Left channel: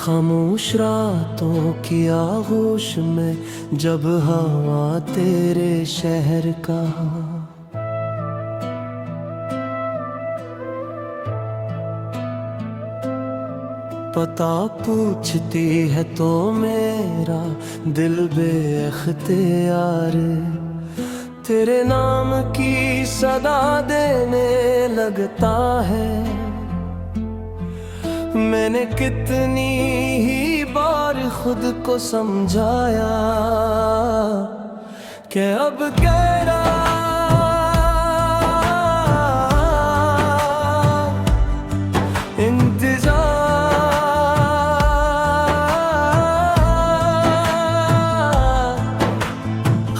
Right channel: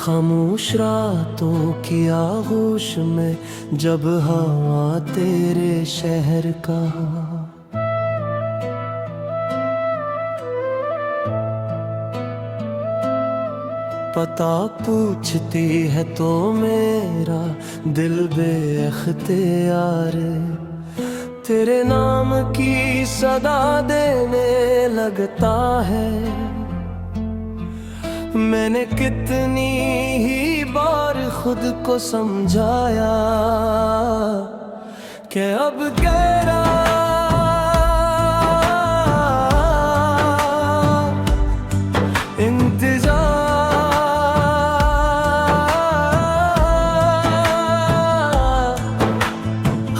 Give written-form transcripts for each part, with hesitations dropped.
खामोश रातों की आगोश में जब हवा तेरे शहर का पता पूछती है तो मेरा दिल बेअख्तियार तेरे नाम की सदा देने लगता है। मैंने कितनी ही बार खुद को समझाया कि अब कह रहा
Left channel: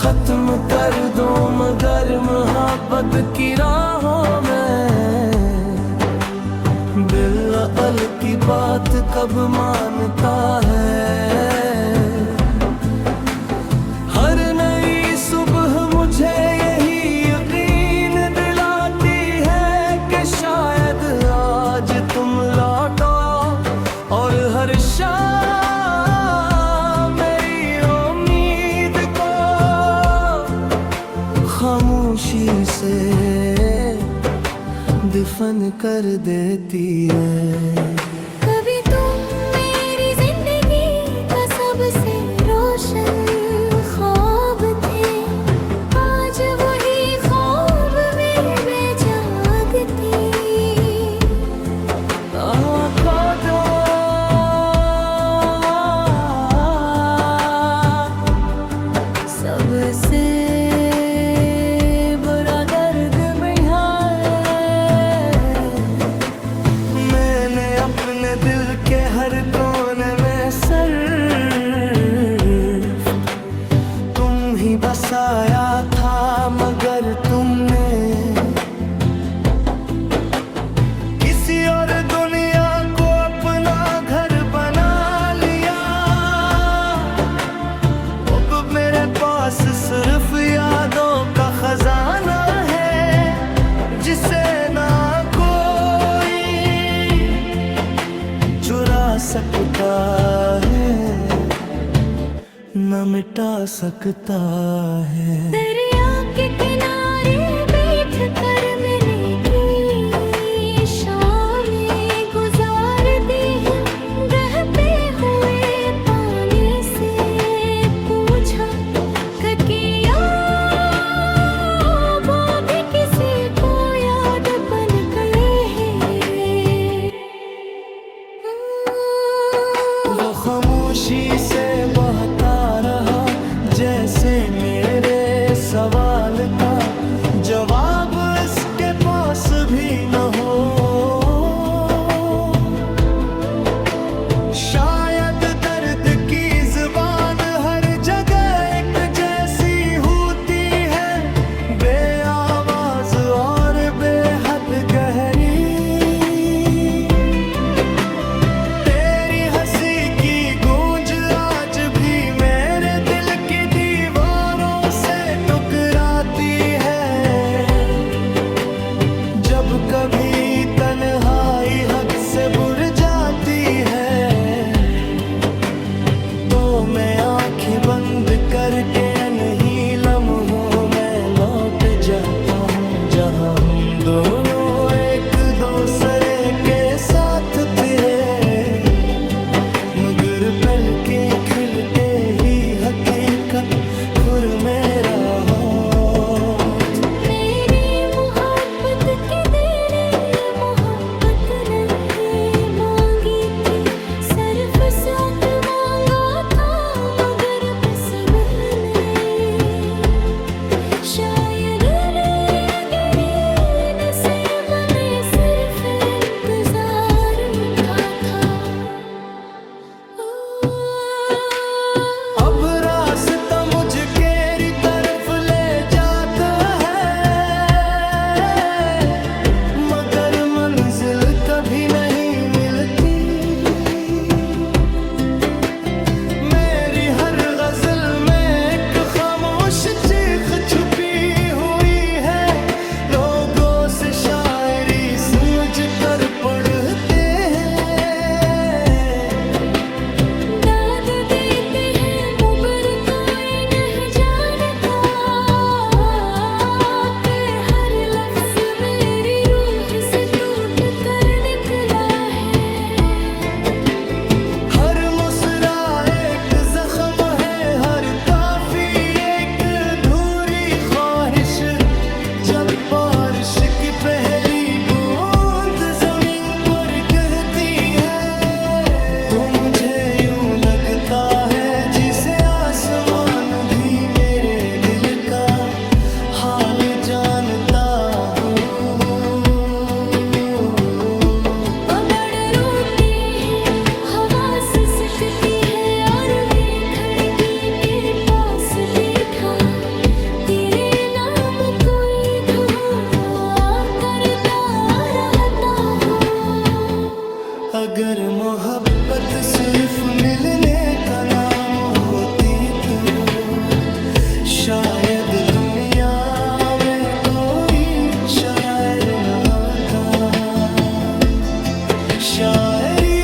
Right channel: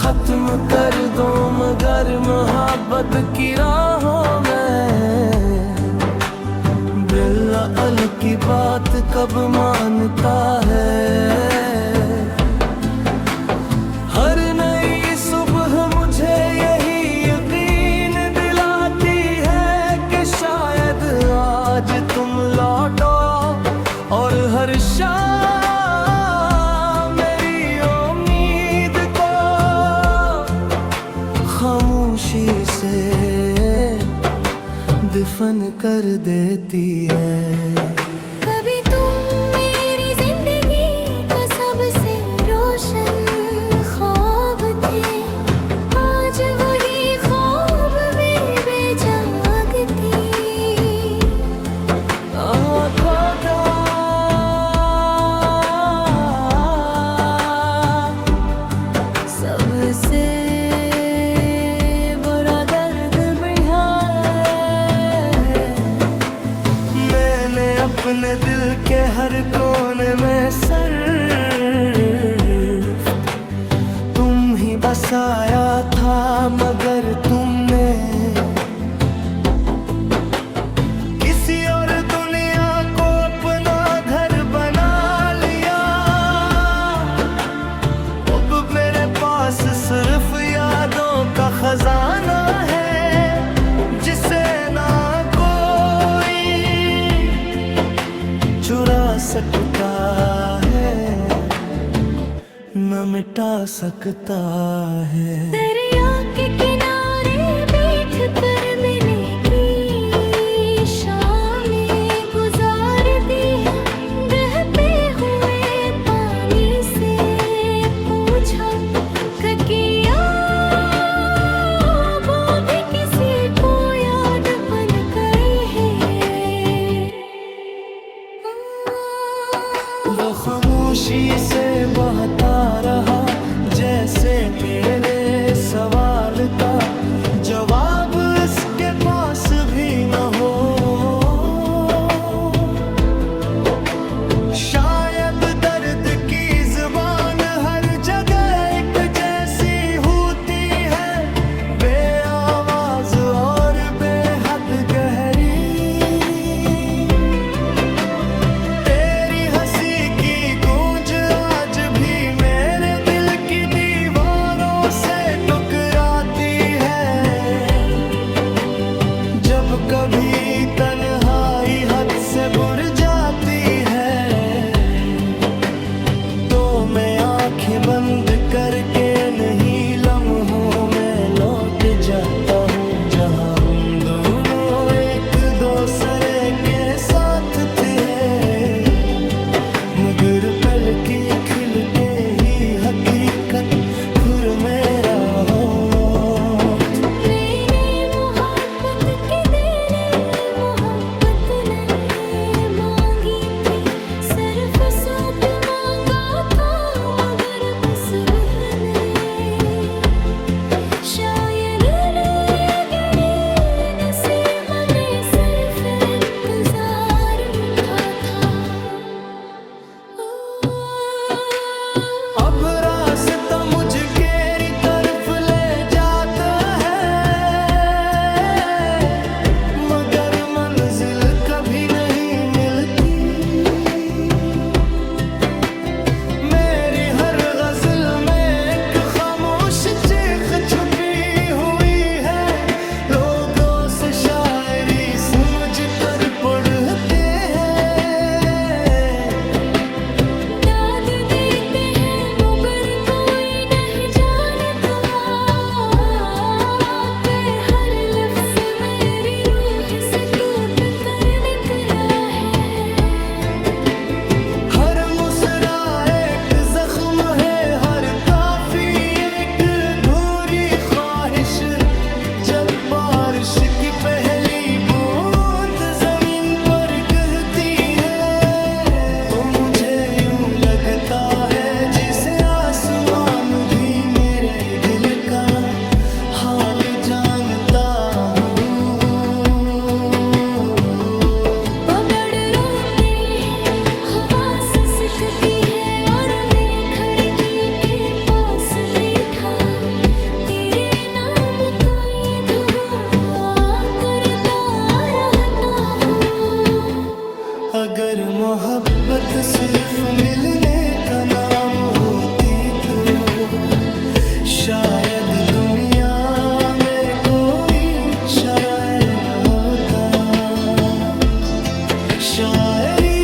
खत्म कर दो मगर मोहब्बत की राहों में बिल्कुल की बात कब मानता है। हर नई सुबह मुझे यही यकीन दिलाती है कि शायद आज तुम लौटो और हर शाम खामोशी से दफन कर देती है। कभी तुम मेरी जिंदगी का सबसे रोशन ख्वाब थे, आज वही ख्वाब में बेजागती आँखों का सबसे अपने दिल के हर कोने में सिर्फ तुम ही बसाया था मगर तुमने किसी और दुनिया को अपना घर बना लिया। अब मेरे पास सिर्फ यादों का खजाना है जिसे ना चुरा सकता है न मिटा सकता है। दरिया के किनारे बैठ कर मैंने की शामें गुजार दी है, बहते हुए पानी से पूछा किया वो भी किसी को याद बन गए हैं। वो खामोशी से बहता रहा जैसे मेरे सवाल का जवाब इसके पास भी न हो। शायद दर्द की जुबान हर जगह एक जैसी होती है, बेआवाज और बेहद गहरी। जब कभी तन्हाई हद से बुर जाती है तो मैं आंखें बंद करके नहीं लम्हों में लौट जाता हूँ जहाँ हम दोनों एक दूसरे के साथ थे। मगर पल के खिलते ही हकीकत फिर मेरा हो। अब रास्ता मुझे तरफ ले जाता है मगर मंजिल कभी नहीं मिलती। मेरी हर गजल में एक खामोश चीख छुपी हुई है, लोगों से शायरी समझ कर पढ़ते हैं अगर मोहब्बत सिर्फ मिलने का नाम होती तो शायद दुनिया में कोई शायर न होता। शायरी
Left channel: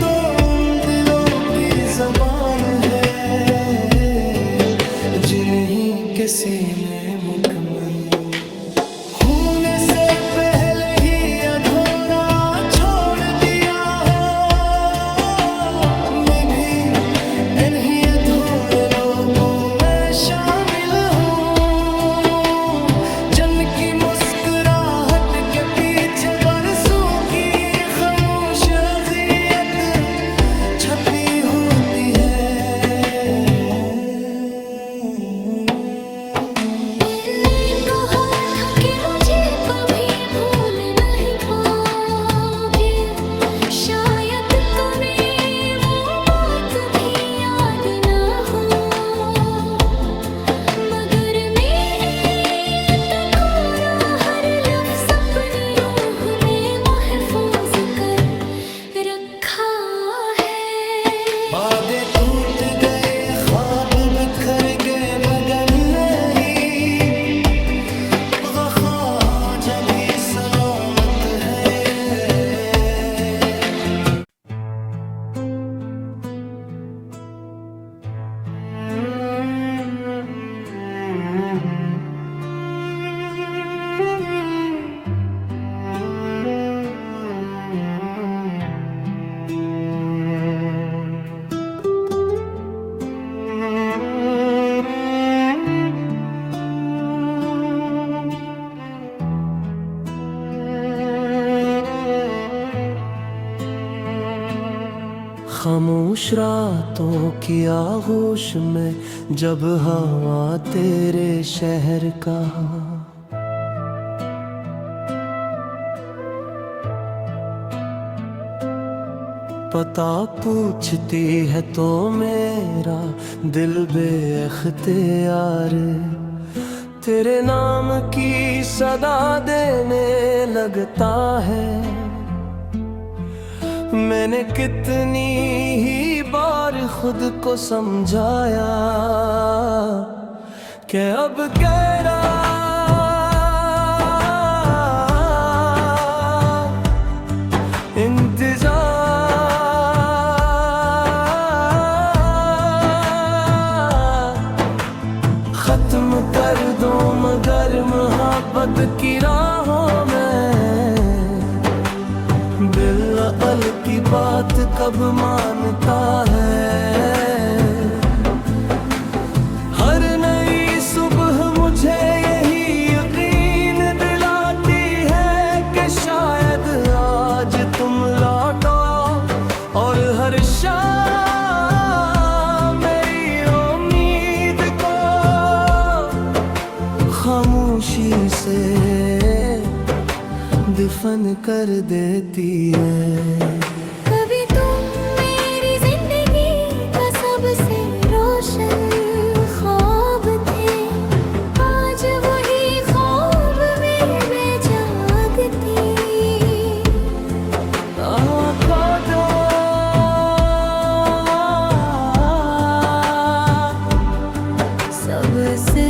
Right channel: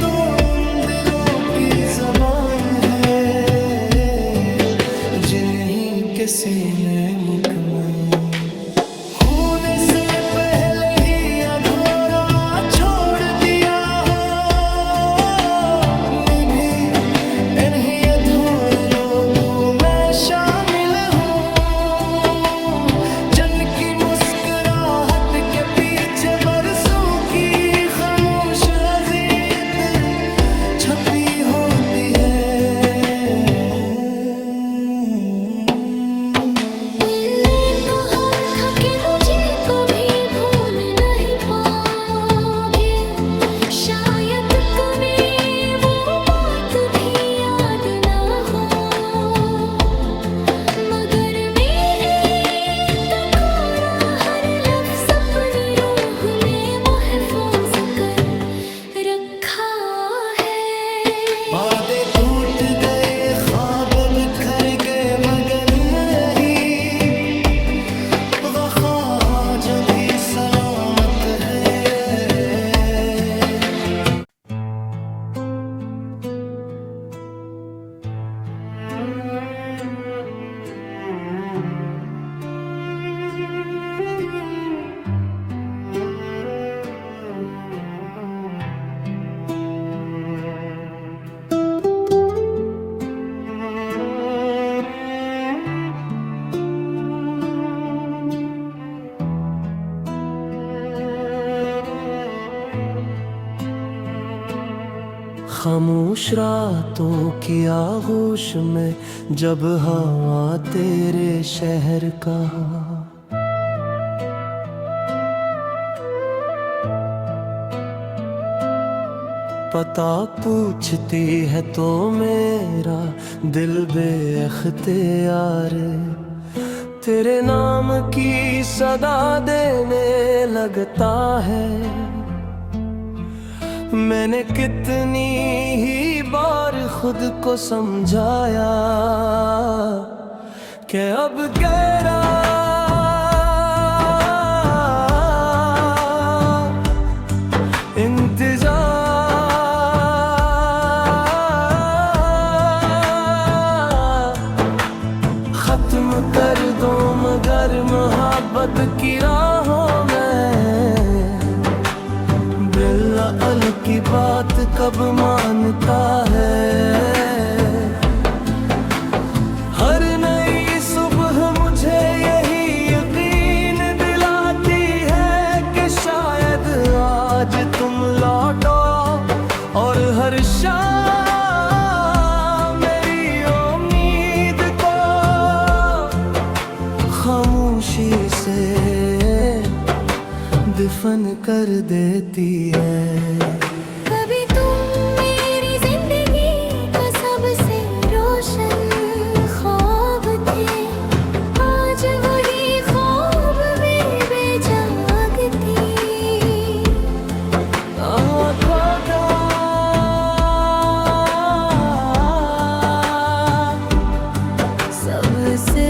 तो उन दिलों की ज़बान है जिन्हीं के सीने मुकम्मल होने से पहले ही अधूरा छोड़ दिया हो। मैं भी इन्हीं अधूरे लोगों में शामिल हूँ जन की मुस्कुराहट के पीछे बरसों की खामोश अज़ियत छपी होती है। वादे टूट गए, ख्वाब बिखर गए, मगर नहीं वफा जब भी सलामत है। खामोश रातों की आगोश में जब हवा तेरे शहर का पता पूछती है तो मेरा दिल बेअख्तियार तेरे नाम की सदा देने लगता है। मैंने कितनी ही बार खुद को समझाया कि अब तेरा इंतजार खत्म कर दो मगर मोहब्बत की राहों में दिल की बात कब मानता है। हर नई सुबह मुझे यही यकीन दिलाती है कि शायद आज तुम लौटो और हर शाम मेरी उम्मीद को खामोशी से दफन कर देती है। कभी तुम मेरी जिंदगी का सबसे रोशन ख्वाब थे, आज वही ख्वाब में बेजागती खुदा सबसे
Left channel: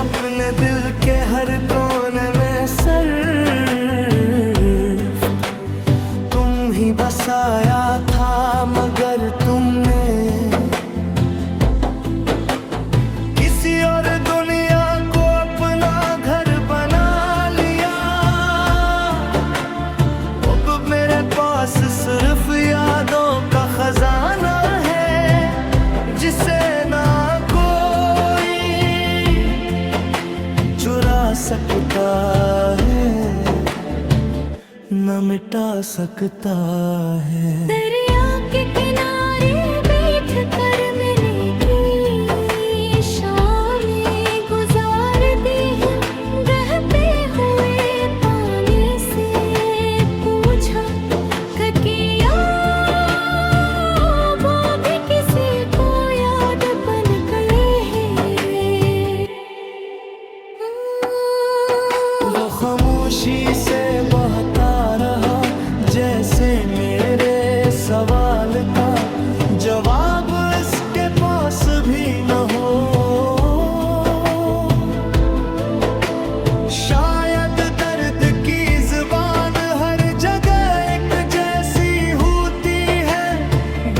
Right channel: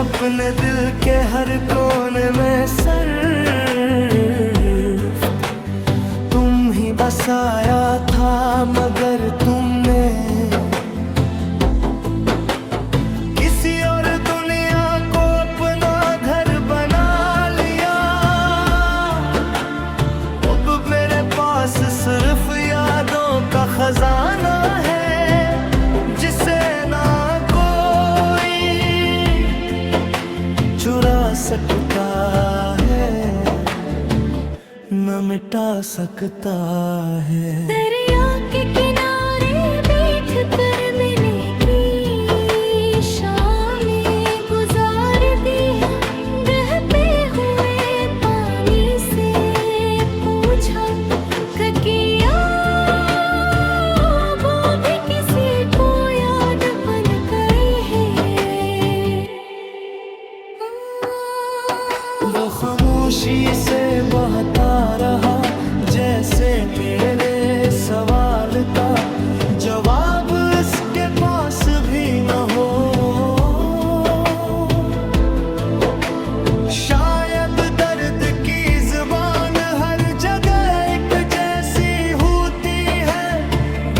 अपने दिल के हर कोने में सिर्फ तुम ही बसाया था मगर तुमने किसी और दुनिया को अपना घर बना लिया। अब मेरे पास सिर्फ यादों का खजाना है जिसे ना चुरा सकता है न मिटा सकता है। दरिया के किनारे बैठ कर मैंने की शामें गुजार दी है, बहते हुए पानी से पूछा किया वो भी किसी को याद बन गए हैं। वो खामोशी से बहता रहा, जैसे मेरे सवाल का जवाब इसके पास भी न हो। शायद दर्द की जुबान हर जगह एक जैसी होती है,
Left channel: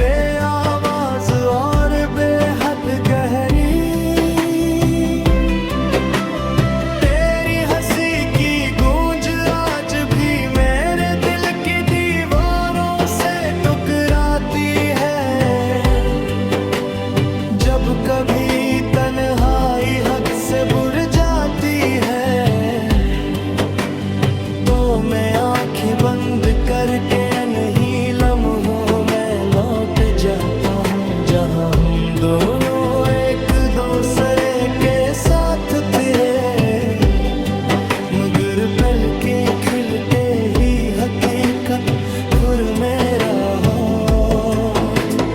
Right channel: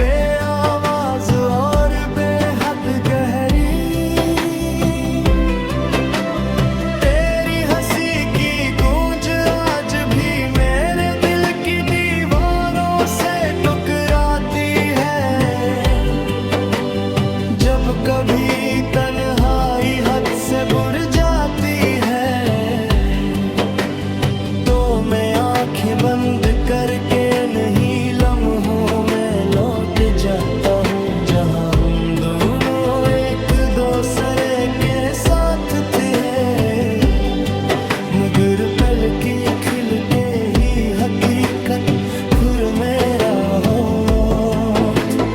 बेआवाज और बेहद गहरी। तेरी हंसी की गूंज आज भी मेरे दिल की दीवारों से टकराती है। जब कभी तन्हाई हद से बुर जाती है, तो मैं आंखें बंद करके नहीं लम्हों में लौट जाता हूँ, जहाँ हम दोनों एक दूसरे के साथ थे। मगर पल के खिलते ही हकीकत फिर मेरा हो।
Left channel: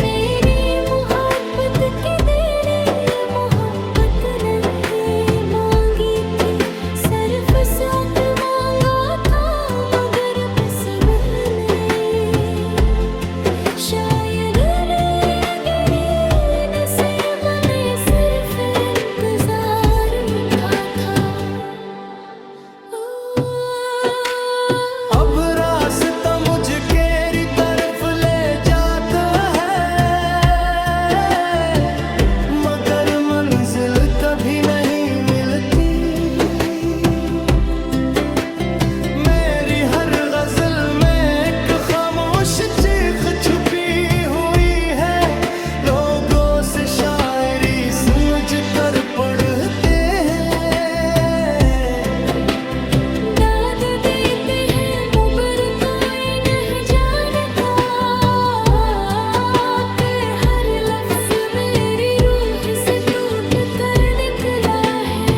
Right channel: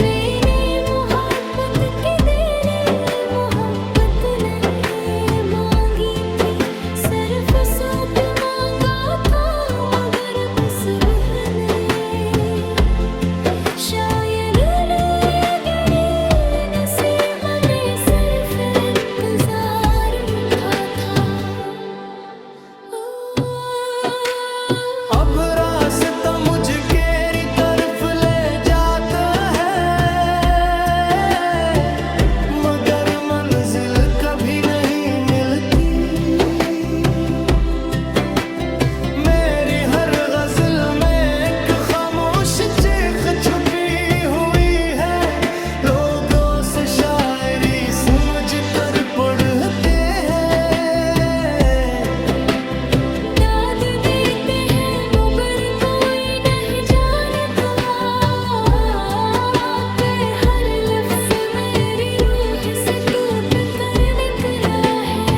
मैंने मोहब्बत के देने मोहब्बत नहीं मांगी थी, सिर्फ साथ मांगा था मगर बस मैंने शायद नसीब में सिर्फ इंतजार था। अब रास्ता मुझे केरी तरफ ले जाता है, मगर मंजिल कभी नहीं मिलती। मेरी हर गजल में एक खामोश चीख छुपी हुई है, लोगों से शायरी समझ कर पढ़ते हैं। दाद देते हैं मगर कोई नहीं जानता कि हर लफ्ज मेरी रूह से टूट कर निकला है।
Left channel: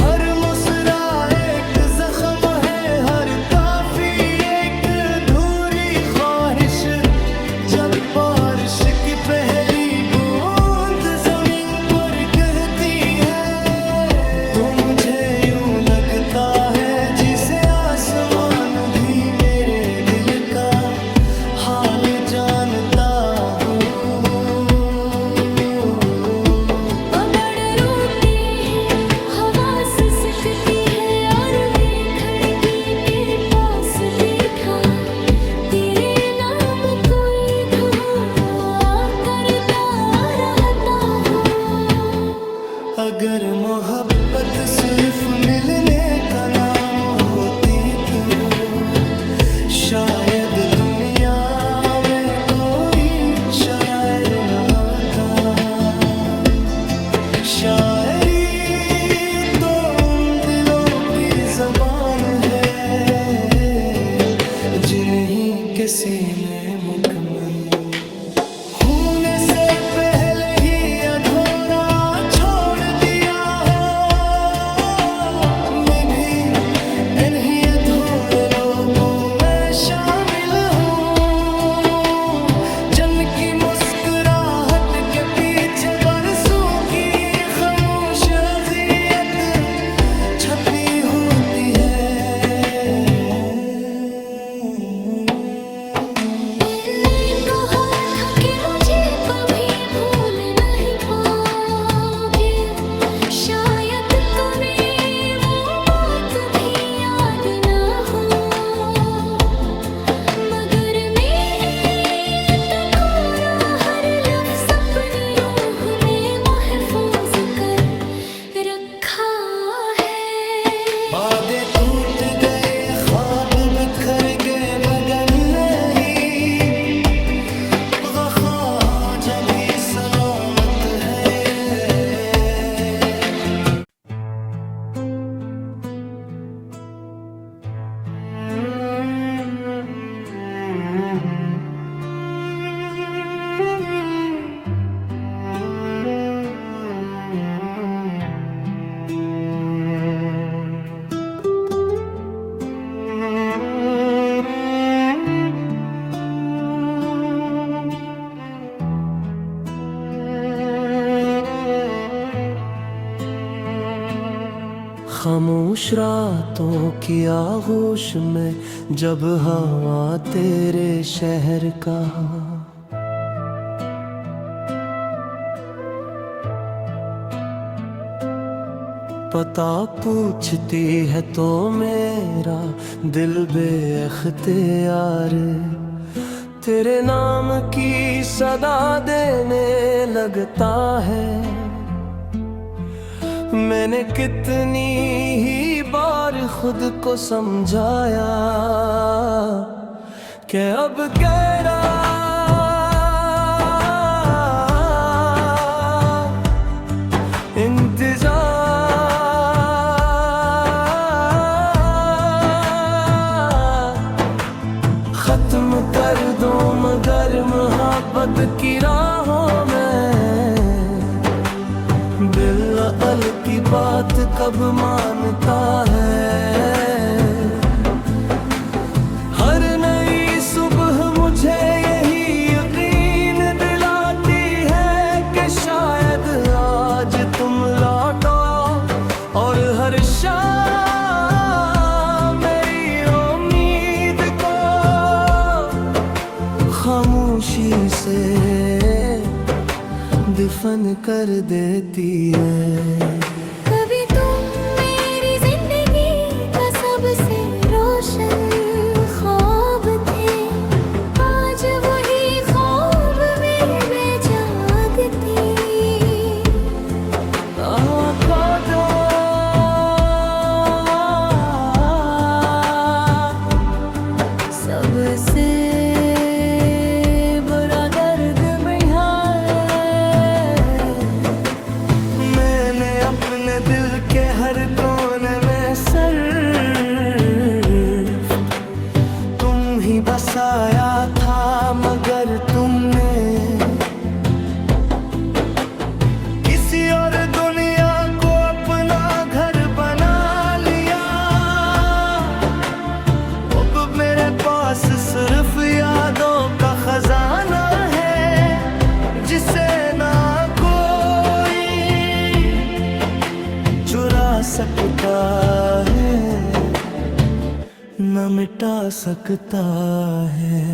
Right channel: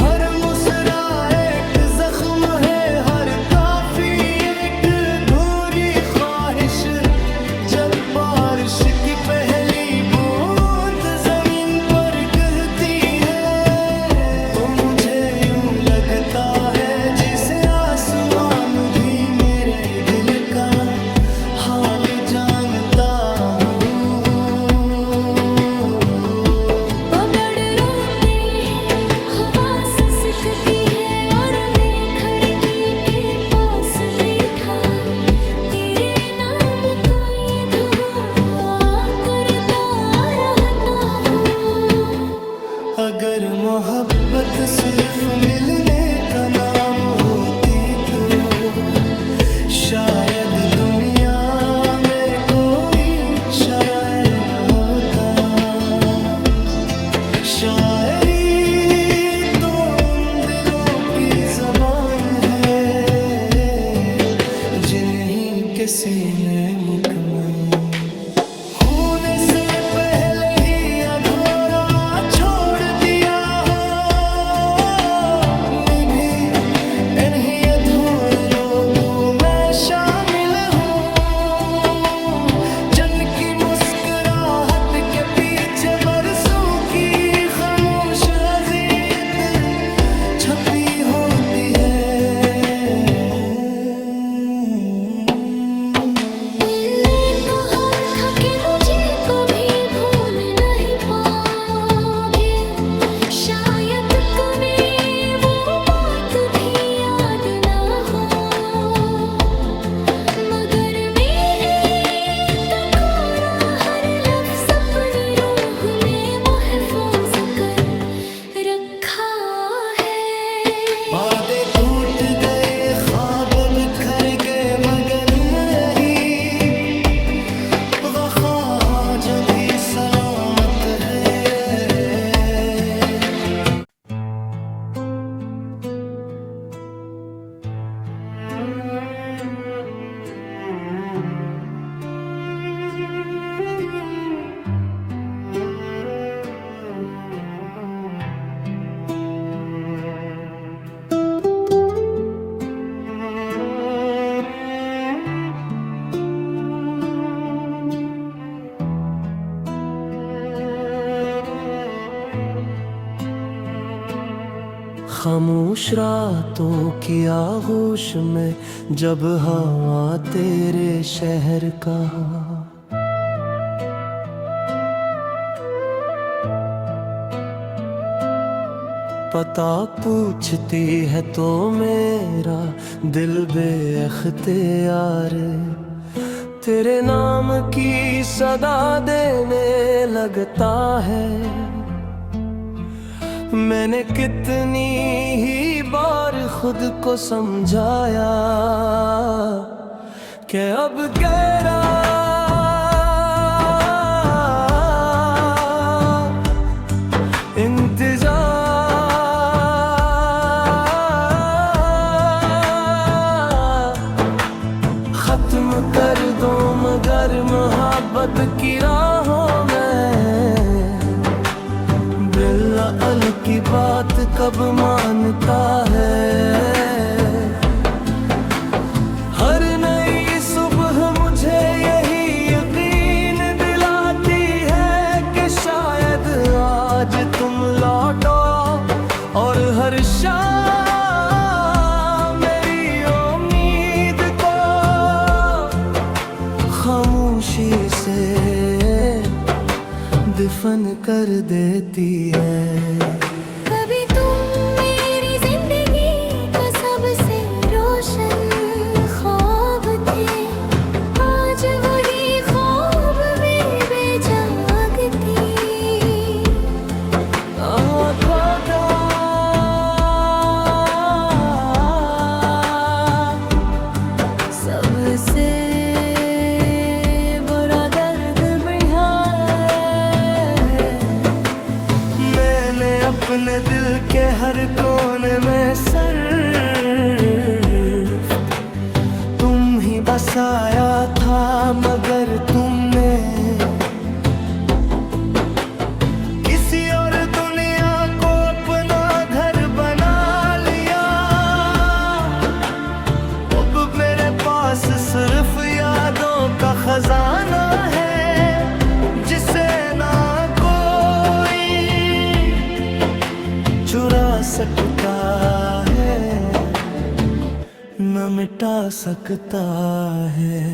हर मुस्कुराए एक जख्म है, हर काफी एक अधूरी ख्वाहिश। जब बारिश की पहली बूंद जमीन पर गिरती है, तो मुझे यूं लगता है जिसे आसमान भी मेरे दिल का हाल जानता हूँ। बबड़ रोते हैं, हवा सिसकती है और मैं खिड़की के पास बैठा तेरे नाम कोई दुआ करता रहता हूँ। अगर मोहब्बत सिर्फ मिलने का नाम होती, तो शायद दुनिया में कोई शायर न होता। शायरी तो उन दिलों की जबान है, जिन्हीं के सीने मुकम्मल होने से पहले ही अधूरा छोड़ दिया हो। मैं भी इन्हीं अधूरे लोगों में शामिल हूँ, जिनकी मुस्कुराहट के पीछे बरसों की खामोश अज़ियत छपी होती है। दिल ने कहा था कि मुझे कभी भूल नहीं पाओगे, शायद तुम्हें वो बात भी याद ना हो। मगर मेरे तक हर लफ्ज़ अपनी रूह में महफूज कर रखा है। वादे टूट गए, ख्वाब बिखर गए, मगर नहीं वफा जब भी सलामत है। खामोश रातों की आगोश में जब हवा तेरे शहर का पता पूछती है तो मेरा दिल बेअख्तियार तेरे नाम की सदा देने लगता है। मैंने कितनी ही बार खुद को समझाया कि अब कह रहा खत्म कर दो मगर मोहब्बत की राहों में बिल्कुल की बात कब मानता है। हर नई सुबह मुझे यही यकीन दिलाती है कि शायद आज तुम लौटो और हर शाम खामोशी से दफन कर देती है। कभी तुम मेरी जिंदगी का सबसे रोशन ख्वाब थे, आज वही ख्वाब में बेजागती सबसे अपने दिल के हर कोने में सिर्फ तुम ही बसाया था मगर तुमने किसी और दुनिया को अपना घर बना लिया। अब मेरे पास सिर्फ यादों का खजाना है जिसे ना चुरा सकता है न मिटा सकता है।